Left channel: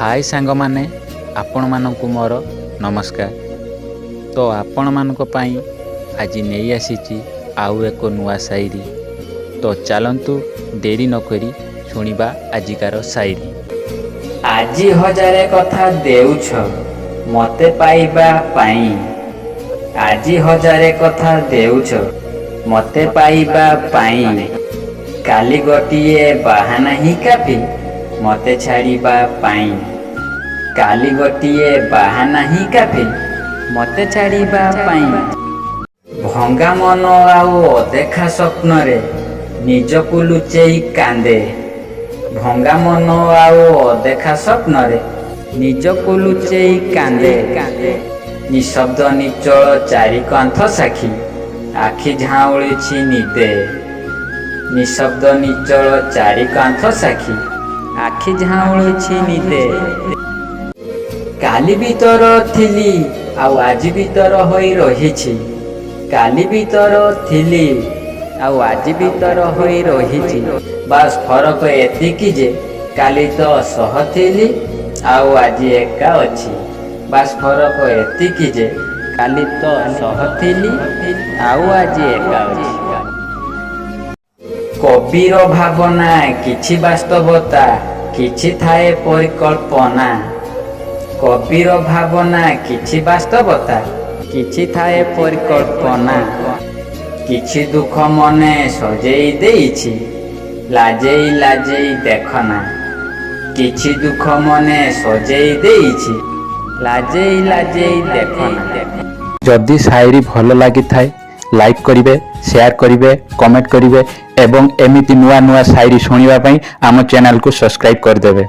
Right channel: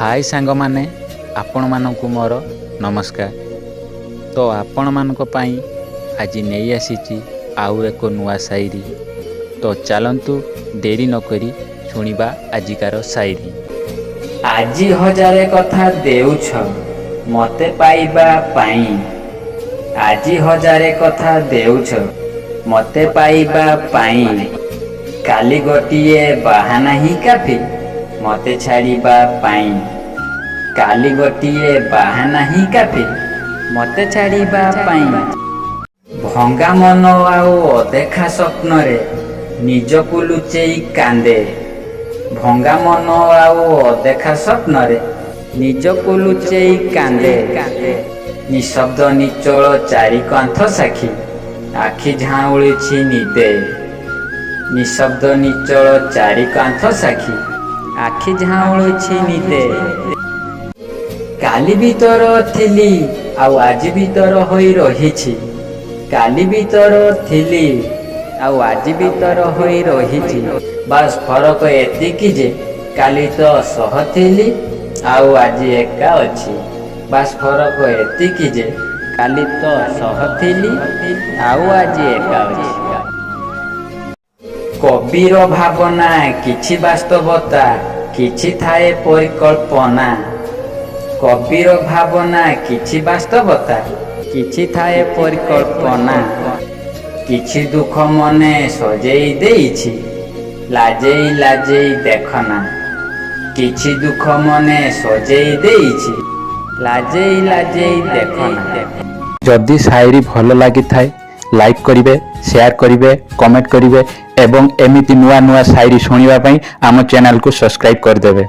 हाय सांग माने आपण मानकु मोर नमस्कार। तो आपण मानक पई आज नहीं आसीची आउ एक नुआ शायरी। तो चलंतु देरी न करी सुनिबा आजिकार शायरी। आजी हजारे कथा देउछ मते पाइबा पाई। आजी हजारे कथा देउछ मते पाइबा पाई। काली गोटिए बाहाना ही काफी मते छाड़िबा पाई। काली गोटिए बाहाना ही काफी मते छाड़िबा पाई। भंगा मन आउ अदेखा स्वप्न रे निजकु लुचेई कांदे। भंगा मन आउ अदेखा स्वप्न रे निजकु लुचेई कांदे। निशब्द निचल चारि कांथ साखी आखि झाउळिछि निदे। निशब्द निचल चारि कांथ साखी आखि झाउळिछि निदे। काली भीतर थिली आउ आज भीतर होई रहिछि। काली भीतर थिली आउ आज भीतर होई रहिछि। बास फरक एतिकी जे काली तो सह थिली आउ आज एका अछि। बास फरक एतिकी जे काली तो सह थिली आउ आज एका अछि। कबीर भावना किछि वास्तवता किछि थाए परिकल्पना। कबीर भावना किछि वास्तवता किछि थाए परिकल्पना। किछि दुख मने सजेई देइछि लाजेई लाजेई देखना। किछि दुख मने सजेई देइछि लाजेई लाजेई देखना। जदि शायरी भल लगी थाए लाइक करिवे, शेयर करिवे, कमेंट करिवे एवं एमिति नुआ नुआ शायरी सुनिबा पई आम चैनल को सब्सक्राइब कर देबे।